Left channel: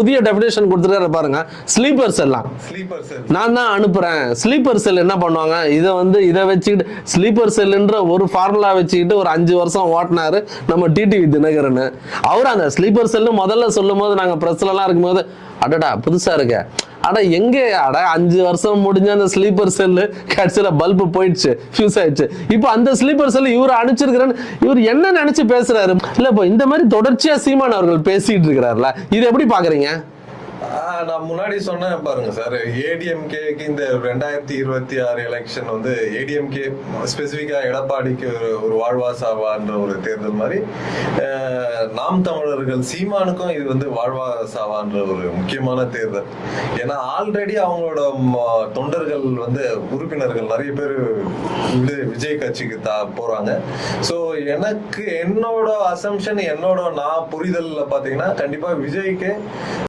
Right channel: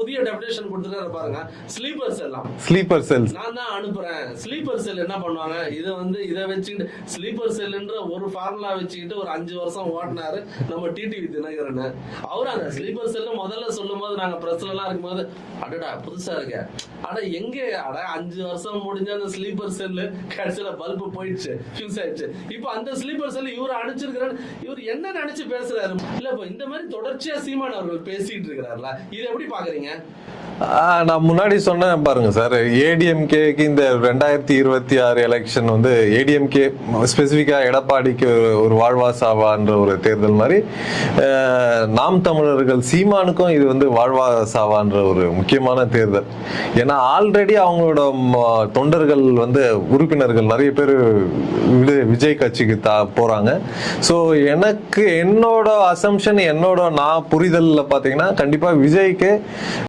புதிய டெபினேஷன் கொடுத்துருக்காரு பாருங்க. ஸ்லீப்பர் செல்லாம், ஸ்லீப்பர் செல் நான் தான் அனுப்புறேன். ஸ்லீப்பர் செல் என்ன பண்ணுவாங்க, இதை வச்சுக்கிட்டு ஸ்லீப்பர் செல்ன்ற ஒரு ஃபார்முலா வச்சுக்கிட்டு ஒரு 5 வருஷம் ஓட்டினாரு நம்ம டிடிவி தினகரன். அவர் அந்த ஸ்லீப்பர் செல்லு முதல்ல சொல்லும் போது நாங்க பிரஸ்ல எல்லாம் இருக்கும்போது அடடா புதுசா இருக்க, அட எங்க அட 5 வருஷம் முடிஞ்ச அந்த ஸ்லீப்பர் செல்லு கடைசியில பல்பு போயிடுச்சு, ஃபியூஸ் ஆயிடுச்சு. இப்போ அந்த ஸ்லீப்பர் செல் இவர் அனுப்பிச்சிருக்கிறேன்னு இவர் என்ன நினைச்சு பேசுறாரு? இல்ல இப்போ இந்த மாதிரி தொடர்ச்சியா சீமான் அவர்கள் பேசிட்டு இருக்கிறாருல, இது எப்படி பாக்குறீங்க? நான் முன்னாடி சொன்னேன் பாருங்க சார், ஏடிஎம்கேக்கு இந்த 2026 எலெக்ஷன் வந்து ஏடிஎம்கே ஸ்பெசிஃபிக்கா எடப்பாடிக்கு ஒரு வாழ்வா சாவான்ற ஒரு தேர்தல் மாதிரி, நாம் தமிழர்கள் சீமானுக்கும் இது வந்து வாழ்வா சாவான்ற ஒரு முக்கியமான தேர்தல். ஏன்னா ஆல்ரெடி அவங்களோட தொண்டர்கள் வந்து உறுப்பினர்கள் நிறைய பேர் விஜய் கட்சிக்கு போறாங்க. ஸோ எனக்கு என்னோட அசம்ஷன், என்னோட நான் புரிதல்ல பாத்தீங்கன்னா கண்டிப்பா விஜய்க்கு